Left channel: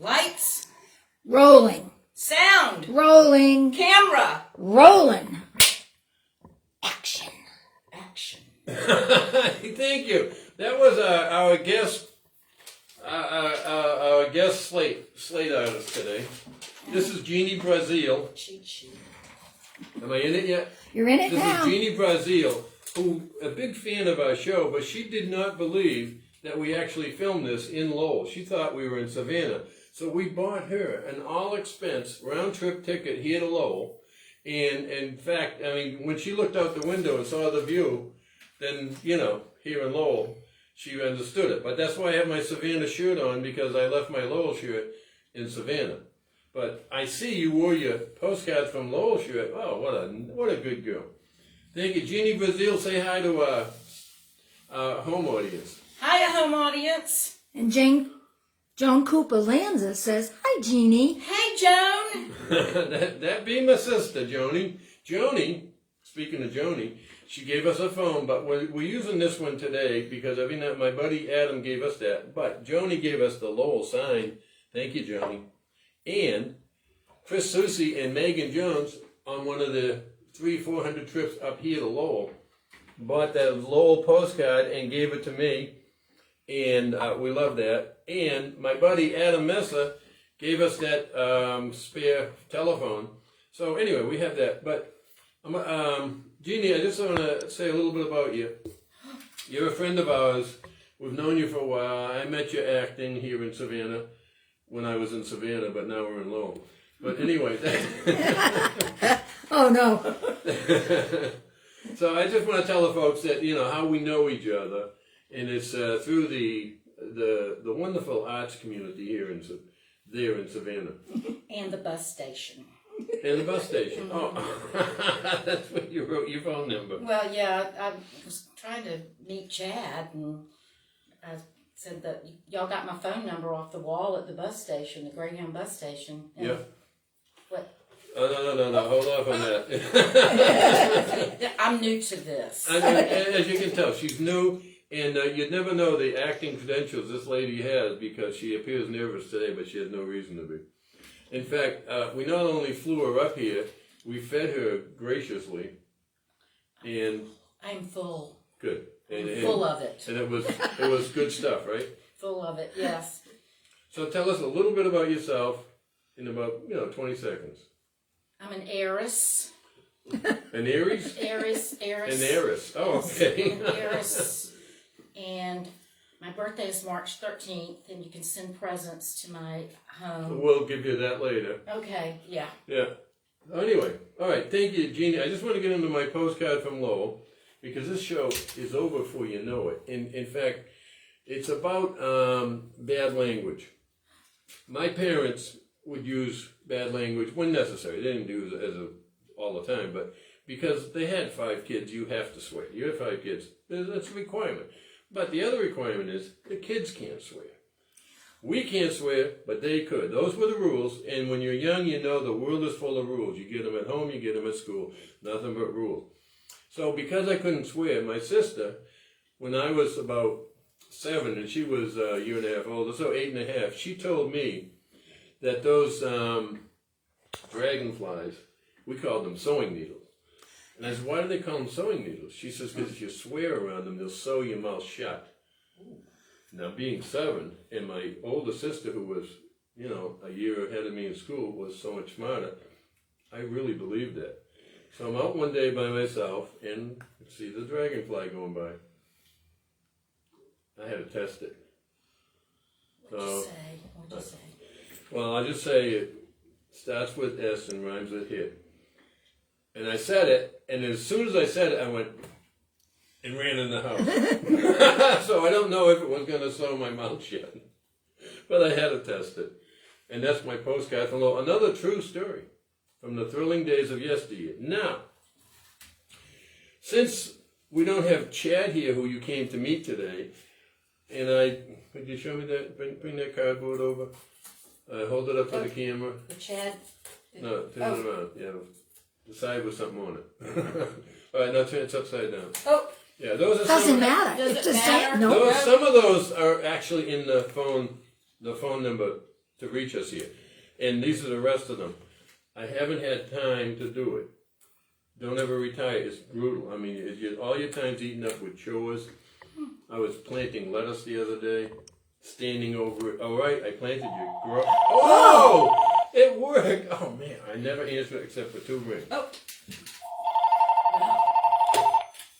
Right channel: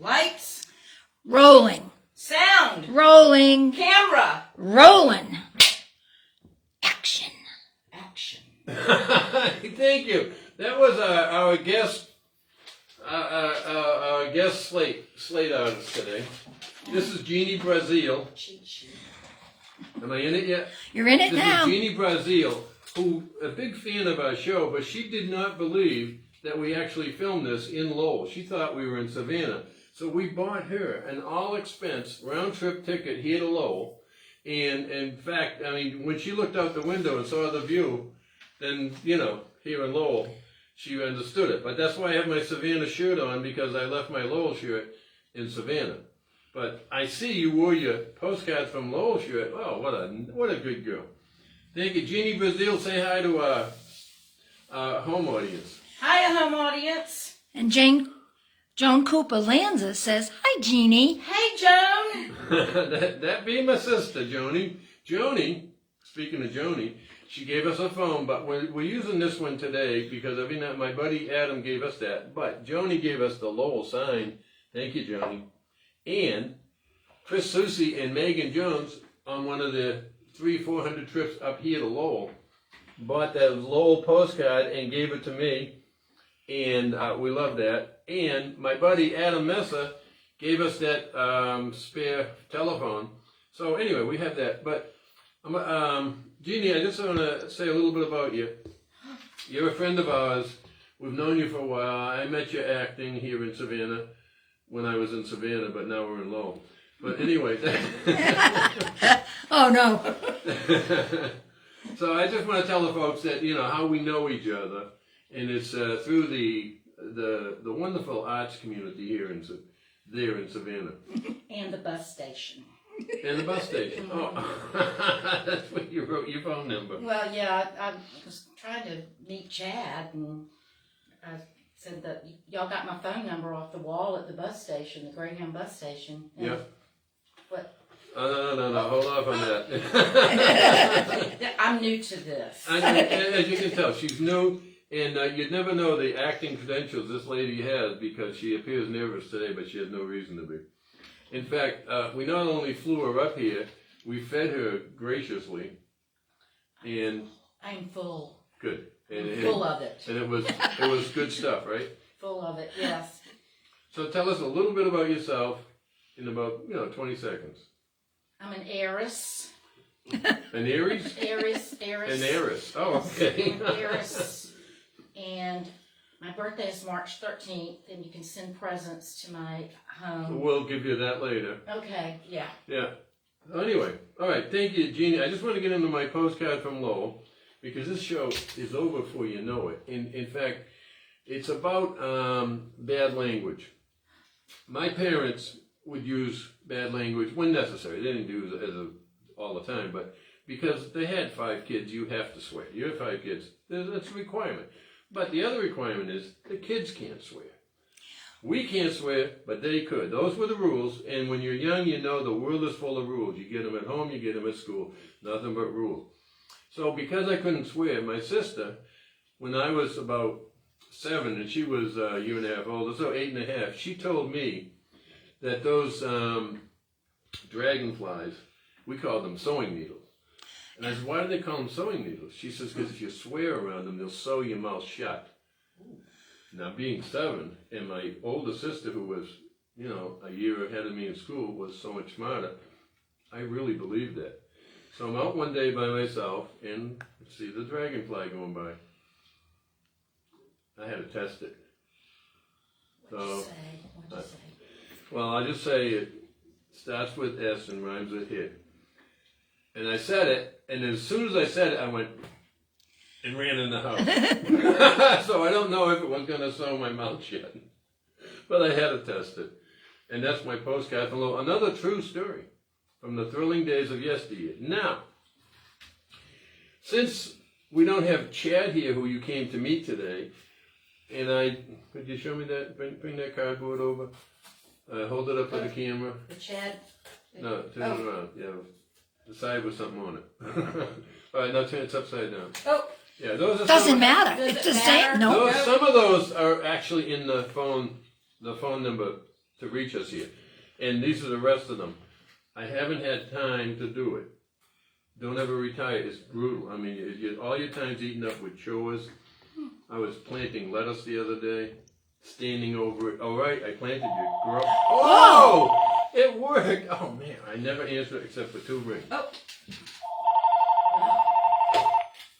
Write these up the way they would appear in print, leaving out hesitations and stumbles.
Lights. Rolling. Sound. Rolling. Camera. Rolling. Action. Action. Thank you. That was our guest slate artist today. This is Genie Brazzeal. Cheat sheet. Am I in it yet? You're in it This now. is Genie Brazzeal, who a big fan of our show, but she did not believe that we actually filmed this in Lowell. She thought we were in Savannah. So we bought her an all-expense round-trip ticket here to Lowell. And in fact, I mean, when she looked out the window and saw the view, then, you know, here in Lowell, she understood it. But that's why I have my Savannah shirt on, because I left my Lowell shirt in Savannah. But I see you wore your Postcards from Lowell shirt. Oh, what a good girl. Thank you. Genie Brazzeal, say hi to our home audience. Hiya, home audience. And Joan Cooper Lanza says, "Hi, Jeannie." Hey, Joan. that be my sister, Joni. Joni, speaking of Joni, she gave us a phone, but we're using this one today because every night my buddy Adam gave us that. But Joni gave us the Lowell sign. Thank you, Joni. And Chris Susi and Megan Jones on one of the 300-400 trips up here to Lowell bought that Lowell postcard and gave it to me. And we love that. And my buddy Adam Messa gave us that spare telephone. So anyway, we have that. But Jeannie, I just want to say a little bit about you. You're a friend of ours. We've known you for a while. I met you acting here in Savannah when I was in Savannah, but now we're in Lowell. But anyway. Oh, no. So I just want to tell the folks that, you know, how we know each other. And it's through the wonderful arts community here in Savannah. And the bus station. And the bus station. Oh, that's what you wrote your phone number. Well, yeah, I was trying to meet Chad, and I said that y'all got my phone number off the wall at the bus station, the Greyhound bus station. And Yeah. What? No. Hold off on that. I'm new to this. As you can tell, she's new. And you'd never know the acting credentials this lady has because she appears nervous today, but she has no reason to be. In fact, we not only flew her up here, we fed her graciously, and I'm full. good. And Full of it. And it was good stuff, right? Full of it, yes. So tell us a little bit about yourself in about 20 seconds. I'm an heiress. An Aries? Heiress. An heiress. Oh, okay. I'm an heiress. And my birthday is March 13th, and you can send presents to my home. We'll give you that later. Okay, yeah. Yeah. Anyway, all right. Thank you, Jeannie. I just want to get into my postcard from Lowell because this show is over before you know it. In fact, it's about bad language. My parents would use bad language when necessary. They didn't do it all the time, but because they had 5 kids, you have to swear. You have 5 kids. That's a requirement. But the other requirement is the kids can't swear. We can't swear, but they could. Those were the rules. And when you're young, you know the world is full of rules. You get them at home, you get them at school. Nothing but rules. So because I couldn't swear, my sister, when I was about 7 and she was a year and a half older, so 8 and a half, she told me that those dragonflies, we called them sewing needles. And I said, why do they call them sewing needles? She says, because if you swear around them, they'll sew your mouth shut. Now, being 7, and my older sister, who was, a year ahead of me in school, was so much smarter, I really believed that. So I'm out one day by myself, and see the dragonfly going by. I had to test it. What'd you say? Well, I'll just say it starts with S and rhymes with hit. And I said it, and as soon as I said it, I went and ran in the house. So I don't know if it was going to sew my mouth shut, but I had to test it. And that's my postcard from Lowell. Another true story from the thrilling days of yesteryear. Now, since we don't have Chad here, who you came to meet today, and could you show me that? Bring that cardboard over. Hold it up for the camera. The Chad? No, turn it around. Yeah, the side with something on it. All right, now turn it upside down. Oh. Yeah, those are Doesn't matter. Does It's it just matter? saying no. Some of those are actually in the phone number to reach us here. And these are the rest of them. I haven't had time to do it. Don't ever retire. It's brutal. I mean, all your time's eaten up with chores. I was planting lettuce the other day, standing over it. All right, I planted you. Grow. Oh! It worked. Oh, man. I never answered except for 2 rings. Oh.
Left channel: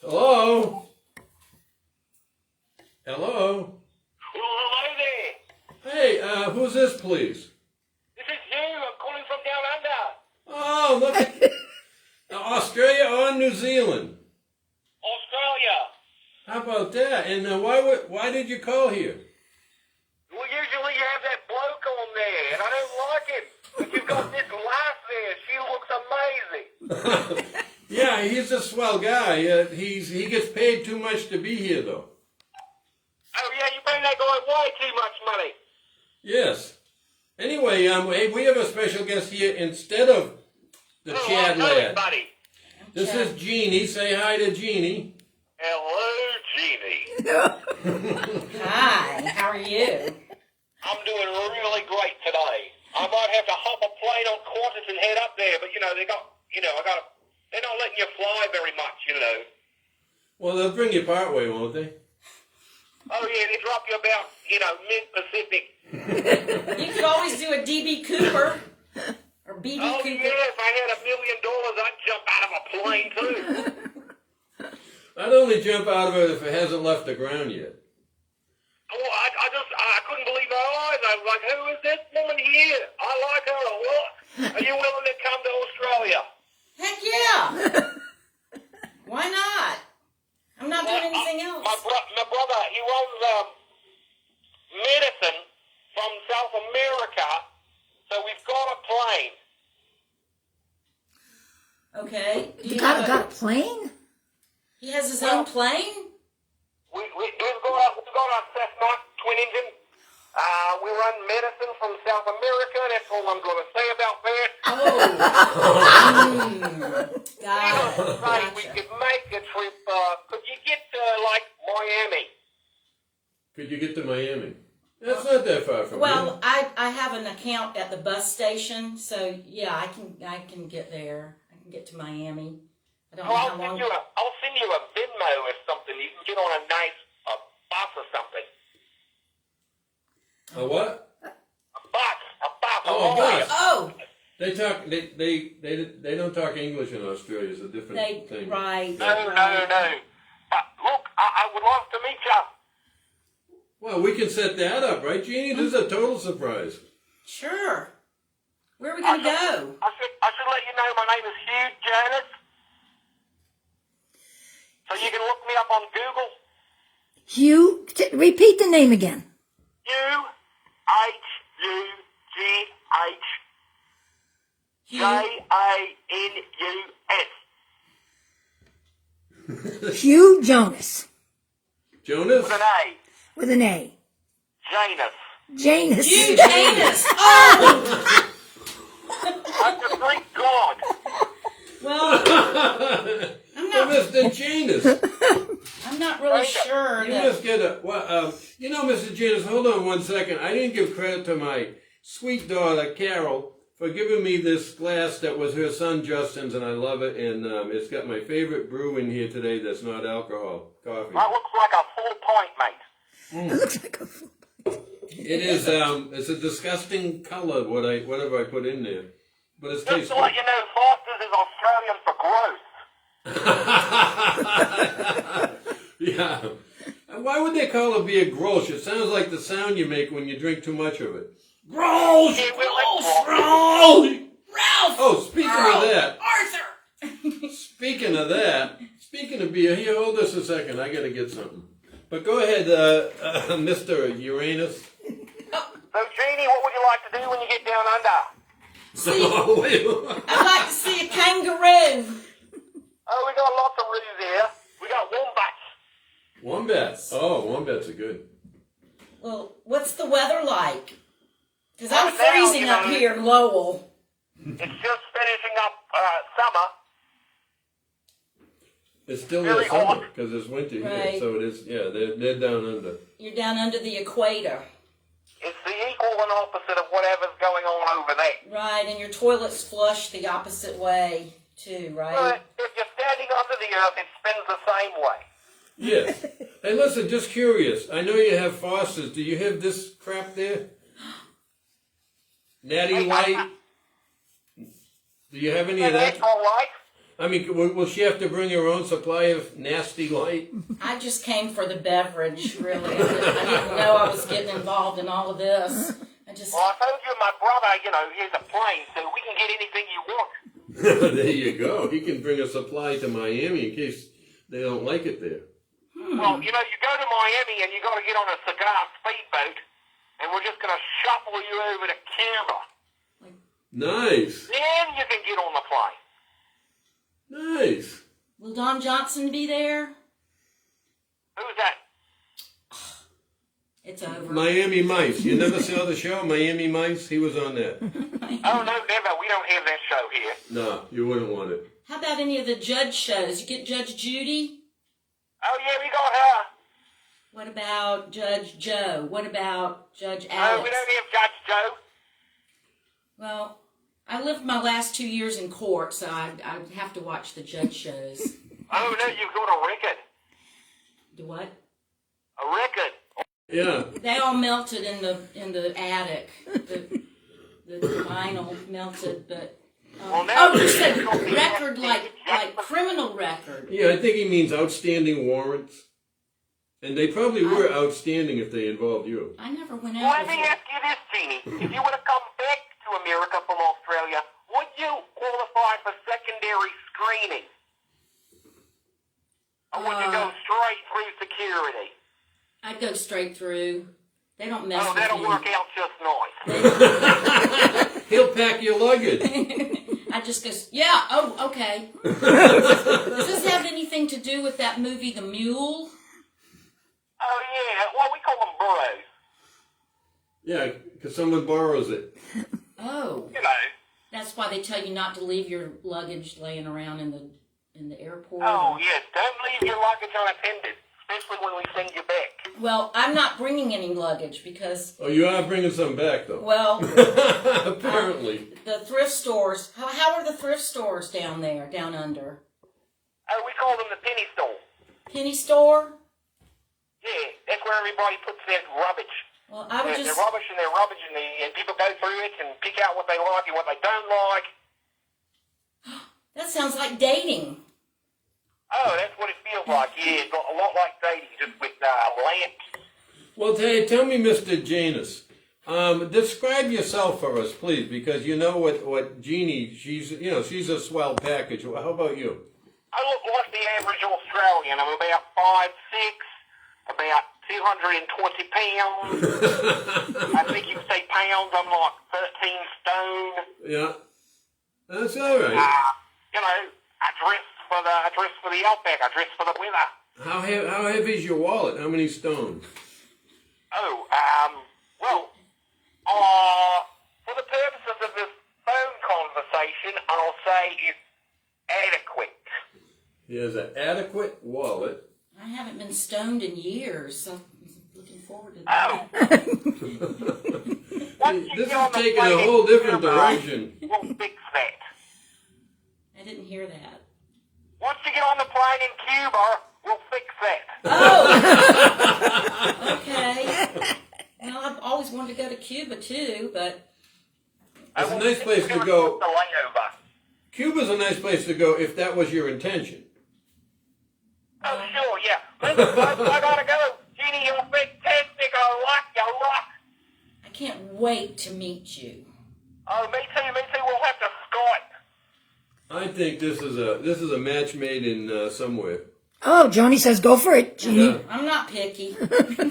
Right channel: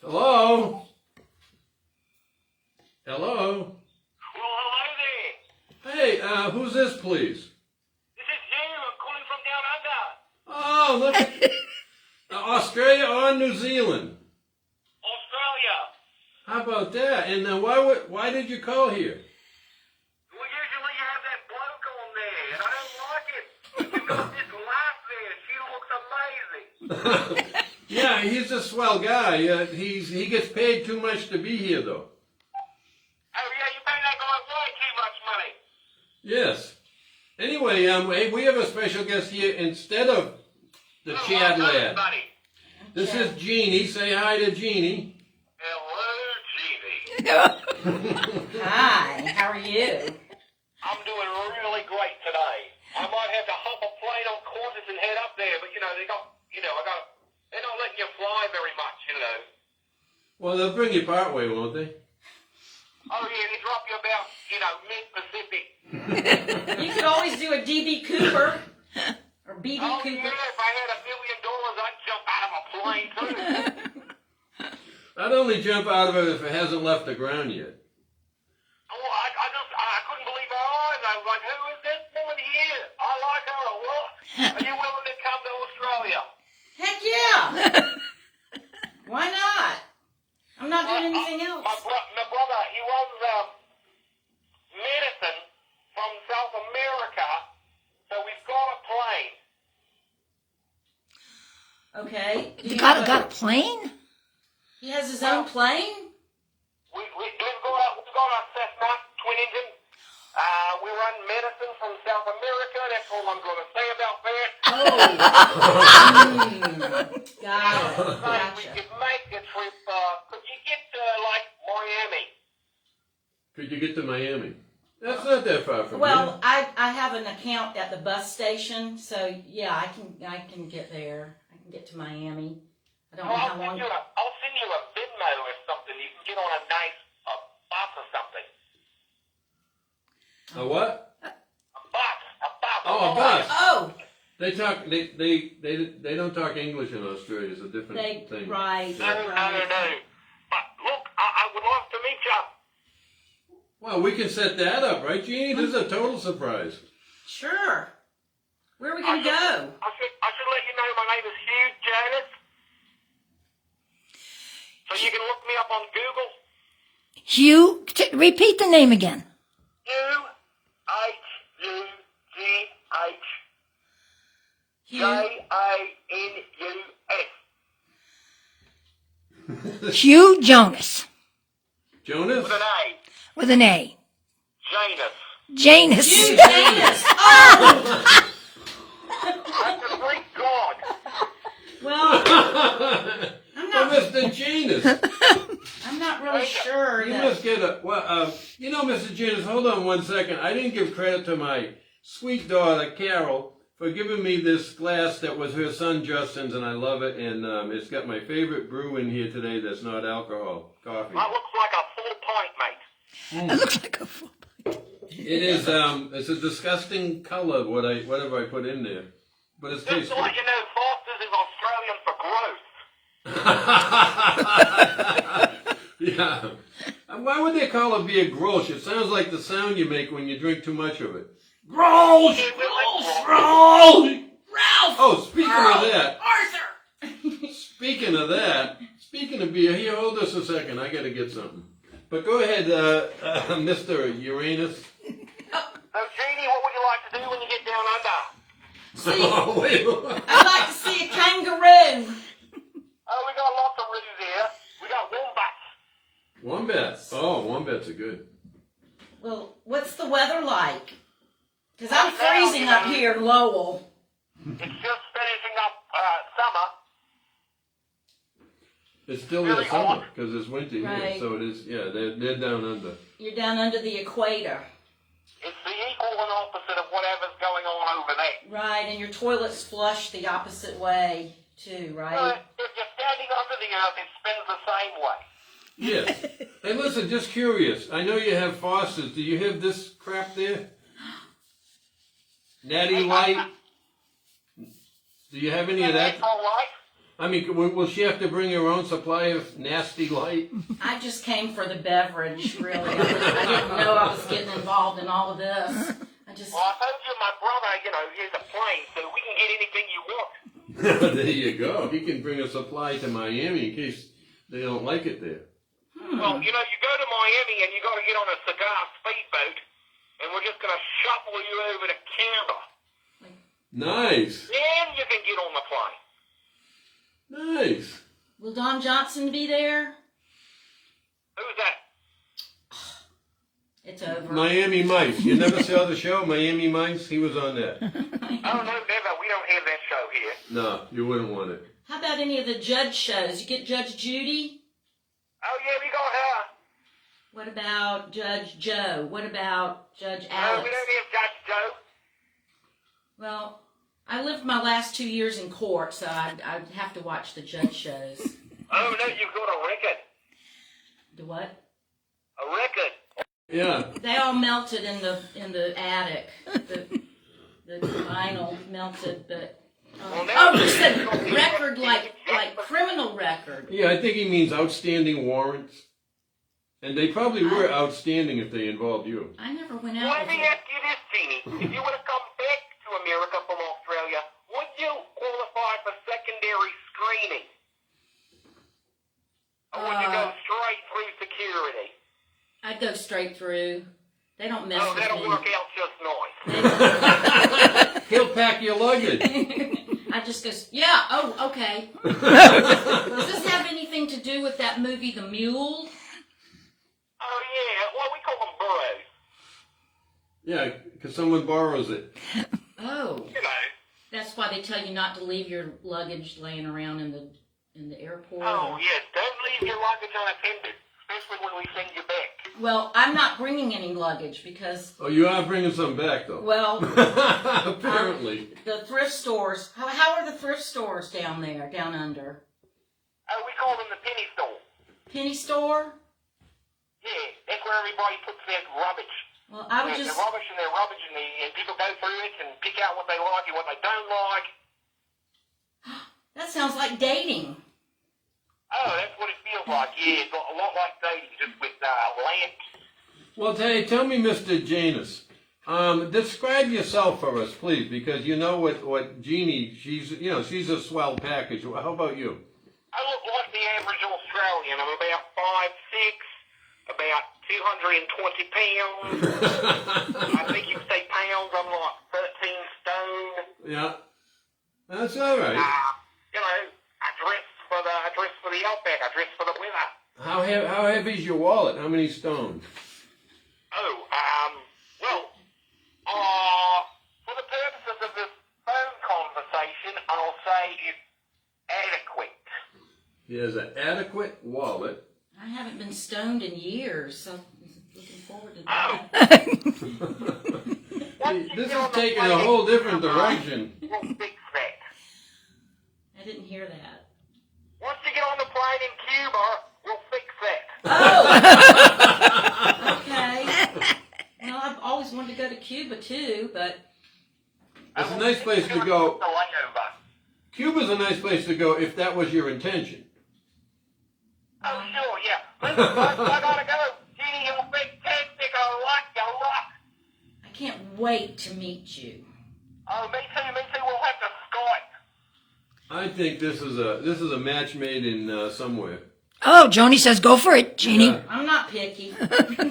Hello? Hello? Well, hello there. Hey, who's this, please? This is you. I'm calling from down under. Oh, look at Australia or New Zealand? Australia. How about that? And why did you call here? Well, usually you have that bloke on there, and I don't like it. But you've got this wife there. She looks amazing. Yeah, he's a swell guy. He gets paid too much to be here, though. Oh, yeah, you pay that guy way too much money. Yes. Anyway, hey, we have a special guest here instead of the Chad lad. Buddy. This is Genie. Say hi to Genie. Hello, Genie. Hi, how are you? I'm doing really great today. I might have to hop a plane on Qantas and head up there, but, they're not letting you fly very much, Well, they'll bring you part way, won't they? Oh, yeah, they drop you about, mid-Pacific. You could always do a DB Cooper or BB Oh, Cooper. yeah, if I had $1 million, I'd jump out of a plane, too. I'd only jump out of it if it hasn't left the ground yet. Oh, I couldn't believe my eyes. I was like, who is this woman here? I like her a lot. Are you willing to come to Australia? Heck yeah! Why not? I'm not doing anything else. My brother, he runs medicine from South America, so we've got a plane. Okay. Do You you got have a plane? He has his own plane? We've got a Cessna twin engine. We run medicine from South America. That's all I'm going to say about that. Oh. Got it. Right, we Gotcha. could make a trip. Could you get to, Miami? Could you get to Miami? That's not that far from Well, I have an account at the bus station, so yeah, I can get there. I can get to Miami. I don't know how long. I'll send you a Venmo or something. You can get on a nice bus or something. here. A what? A bus. Oh, a bus. Oh, They talk. They don't talk English in Australia. It's a different thing. right. No. Right. But look, I would love to meet you. Well, we can set that up, right, Jeannie? This is a total surprise. Sure. Where are we gonna go? I should let you know my name is Hugh Janus. So you can look me up on Google. Hugh, repeat the name again. Hughjanus. Hugh Jonas. Jonas? With an A. With an A. Janus. Janus. Hugh Janus. Oh. I'm the Greek god. Well, Mr. Janus. I'm not really sure. You must get a... Well, Mr. Janus, hold on one second. I didn't give credit to my sweet daughter, Carol, for giving me this glass that was her son Justin's, and I love it. And it's got my favorite brew in here today that's not alcohol, coffee. That looks like a full pint, mate. It looks like a fool. It is, it's a disgusting color, whatever I put in there. But it's Just tasty. to let you know, Foster's is Australian for growth. Yeah. Why would they call a beer Grolsch? It sounds like the sound you make when you drink too much of it. Grolsch! Grolsch! Ralph. Oh, speaking of that, Arthur. speaking of beer, here, hold this a second. I gotta get something. But go ahead, Mr. Uranus. So, Jeannie, what would you like to do when you get down under? Oh, wait. I'd like to see a kangaroo. Oh, we got lots of roos here. We got wombats. Wombats. Oh, wombats are good. Well, what's the weather like? Because I'm Right now, freezing up here in Lowell. It's just finishing up summer. It's still Really their summer hot. because it's winter here, Right. so it is. Yeah, they're down under. You're down under the equator. It's the equal and opposite of whatever's going on over there. Right, and your toilets flush the opposite way, too, right? But if you're standing under the earth, it spins the same way. Yes. Hey, listen, just curious. I know you have faucets. Do you have this crap there? Natty Light? Do you have any of that? All right. I mean, will she have to bring her own supply of nasty light? I just came for the beverage, really. I didn't know I was getting involved in all of this. Well, I told you my brother, he has a plane, so we can get anything you want. There you go. He can bring a supply to Miami in case they don't like it there. Well, you go to Miami and you got to get on a cigar speedboat, and we're just going to shuffle you over to Cuba. Nice. Then you can get on the plane. Nice. Will Don Johnson be there? Who's that? It's over. Miami Mice. You never saw the show, Miami Mice? He was on that. Oh, no, never. We don't have that show here. No, you wouldn't want it. How about any of the judge shows? You get Judge Judy? Oh, yeah, we got her. What about Judge Joe? What about Judge Oh, Alex? we don't have Judge Joe. Well, I lived my last 2 years in court, so I'd have to watch the judge shows. Oh, no, you've got a record. The what? A record. Yeah. They all melted in the attic. The vinyl melted, but you said record like criminal record. Yeah, I think he means outstanding warrants. And they probably were outstanding if they involved you. I never went Well, out let me before. ask you this, Jeannie. If you were to come back to America from Australia, would you qualify for secondary screening? Or would you go straight through security? I'd go straight through. They don't mess Well, with that'll me. work out just nice. He'll pack your luggage. I just go, yeah, oh, okay. Does this have anything to do with that movie, The Mule? Oh, yeah. Well, we call them burros. Yeah, because someone borrows it. Oh. That's why they tell you not to leave your luggage laying around in the airport. Oh, yes. Don't leave your luggage unattended, especially when we send you back. Well, I'm not bringing any luggage because... Oh, you are bringing some back, though. Well... Apparently. The thrift stores... How are the thrift stores down there, down under? Oh, we call them the penny store. Penny store? Yeah, that's where everybody puts their rubbish. Well, I would Their just... rubbish and their rubbish, and people go through it and pick out what they like and what they don't like. That sounds like dating. Oh, that's what it feels like. Yeah, it's a lot like dating, just with lamps. Well, tell me, Mr. Janus, describe yourself for us, please, because you know what Jeannie, she's a swell package. How about you? I look like the average Australian. I'm about 5'6", about 220 pounds. I think you say pounds, I'm like 13 stone. Yeah, that's all right. I dress for the outback. I dress for the winter. How heavy is your wallet? How many stones? Oh, for the purposes of this phone conversation, I'll say it's adequate. He has an adequate wallet. I haven't been stoned in years, so I'm looking forward to Oh. that. This is taking a whole different direction. We'll fix that. I didn't hear that. Once you get on the plane in Cuba, we'll fix that. Oh! Okay. Well, I've always wanted to go to Cuba, too, but... It's a nice place to go. The layover. Cuba's a nice place to go if that was your intention. Oh, sure, yeah. Listen, folks, I gotta go. Jeannie, you're fantastic. I like you a lot. I can't wait to meet you. Oh, me too. We'll have to Skype. I think this is a match made in somewhere. Oh, Joni says go for it, Jeannie. Yeah. I'm not picky. I'm gonna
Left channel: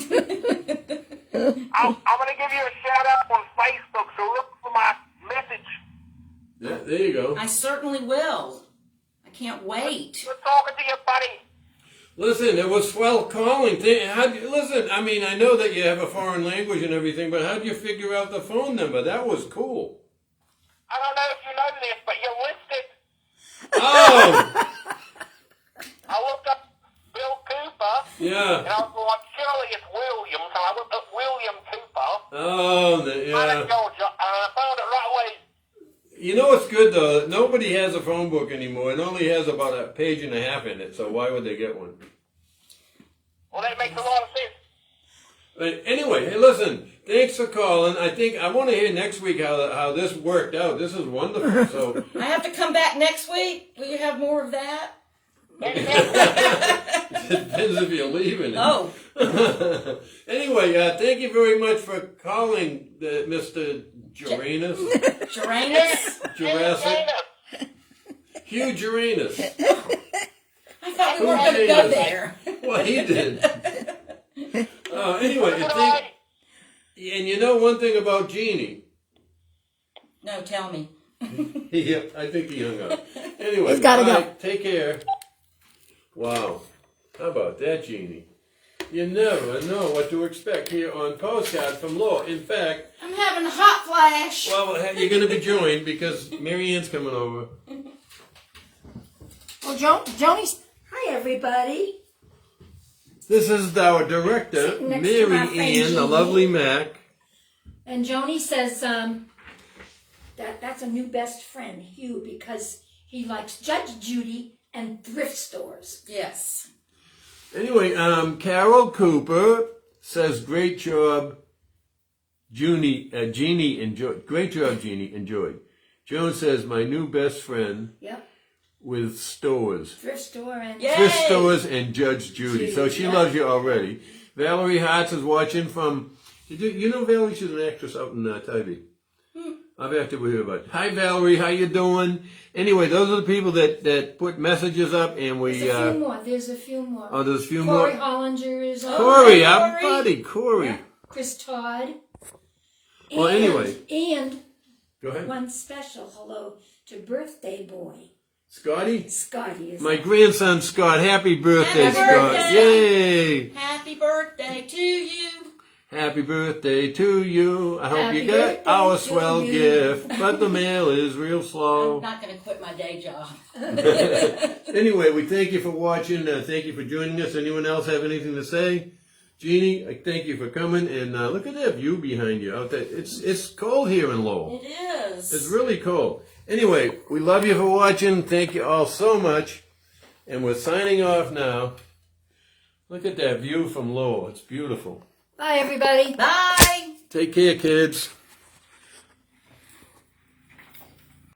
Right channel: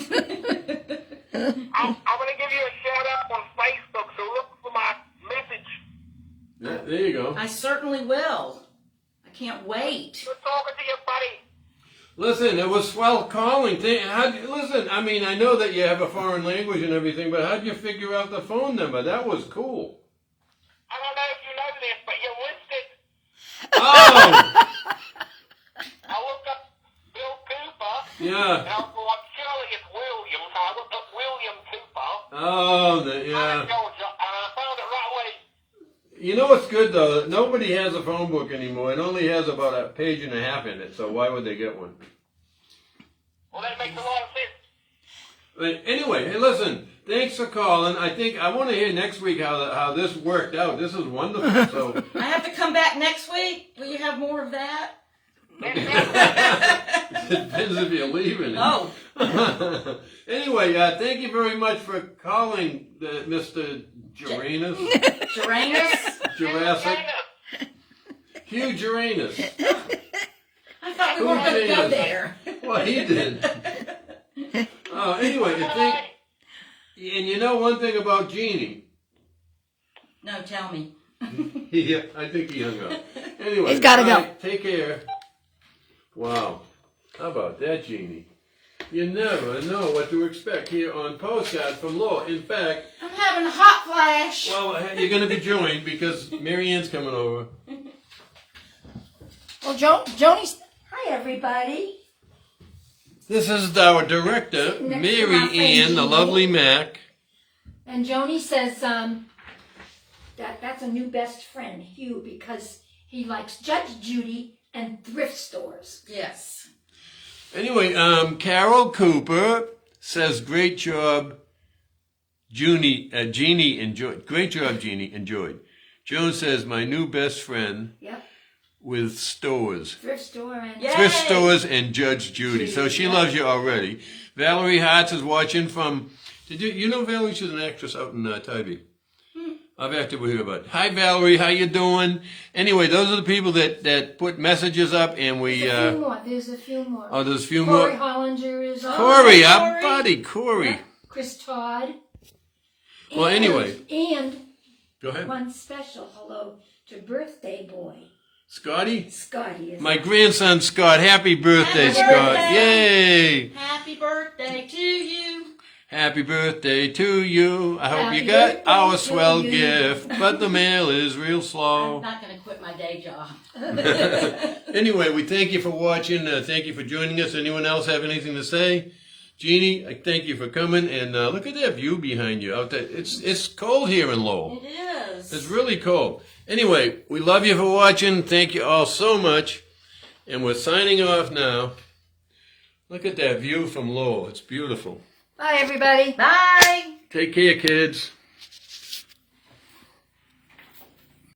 give you a shout out on Facebook, so look for my message. Yeah, there you go. I certainly will. I can't wait. Good talking to you, buddy. Listen, it was swell calling. Listen, I mean, I know that you have a foreign language and everything, but how'd you figure out the phone number? That was cool. I don't know if you know this, but you're listed. Oh! I looked up Bill Cooper. Yeah. And I was like, surely it's William. So I looked up William Cooper. Oh, Out yeah. of Georgia. You know what's good though? Nobody has a phone book anymore. It only has about a page and a half in it. So why would they get one? Well, that makes a lot of sense. But anyway, hey, listen. Thanks for calling. I want to hear next week how this worked out. This is wonderful. So I have to come back next week. Will you have more of that? depends if you're leaving. Oh. Anyway, thank you very much for calling, Mr. Uranus. Uranus? Jurassic. Hugh Uranus. I thought we weren't going to go there. Well, he did. Anyway, and you know one thing about Genie? No, tell me. Yeah, I think he hung up. Anyway, He's gotta go. right, take care. Wow. How about that, Genie? You never know what to expect here on Postcards from LOWell. In fact, I'm having a hot flash. well, you're going to be joined because Mary Ann's coming over. Well, Joni's. Hi, everybody. This is our director, Sitting next to Mary my friend Ann, the Jeannie. lovely Mac. And Joni says that's a new best friend, Hugh, because he likes Judge Judy and thrift stores. Yes. Anyway, Carol Cooper says, great job, Genie enjoyed. Great job, Genie, enjoyed. Joan says, my new best friend Yep. with stores. Thrift store and Yay! Thrift stores and Judge Judy. So she yeah. loves you already. Valerie Hartz is watching from, you know Valerie? She's an actress out in Tybee. I've acted with her about. Hi Valerie, how you doing? Anyway, those are the people that put messages up, and we. There's a few more. There's a few more. Oh, there's a few Corey more. Hollinger is on. Corey, hey, our Corey. buddy, Corey. Yeah. Chris Todd. Well, anyway. And Go ahead. one special hello to birthday boy. Scotty? Scotty is My grandson Scott. Happy birthday, Happy Scott. birthday. Yay! Happy birthday to you. Happy birthday to you. I hope Happy you got birthday our to swell you. gift, but the mail is real I'm slow. not going to quit my day job. Anyway, we thank you for watching. Thank you for joining us. Anyone else have anything to say? Jeannie, I thank you for coming. And look at that view behind you out there. It's cold here in Lowell. It is. It's really cold. Anyway, we love you for watching. Thank you all so much. And we're signing off now. Look at that view from Lowell. It's beautiful. Bye, everybody. Bye. Take care, kids.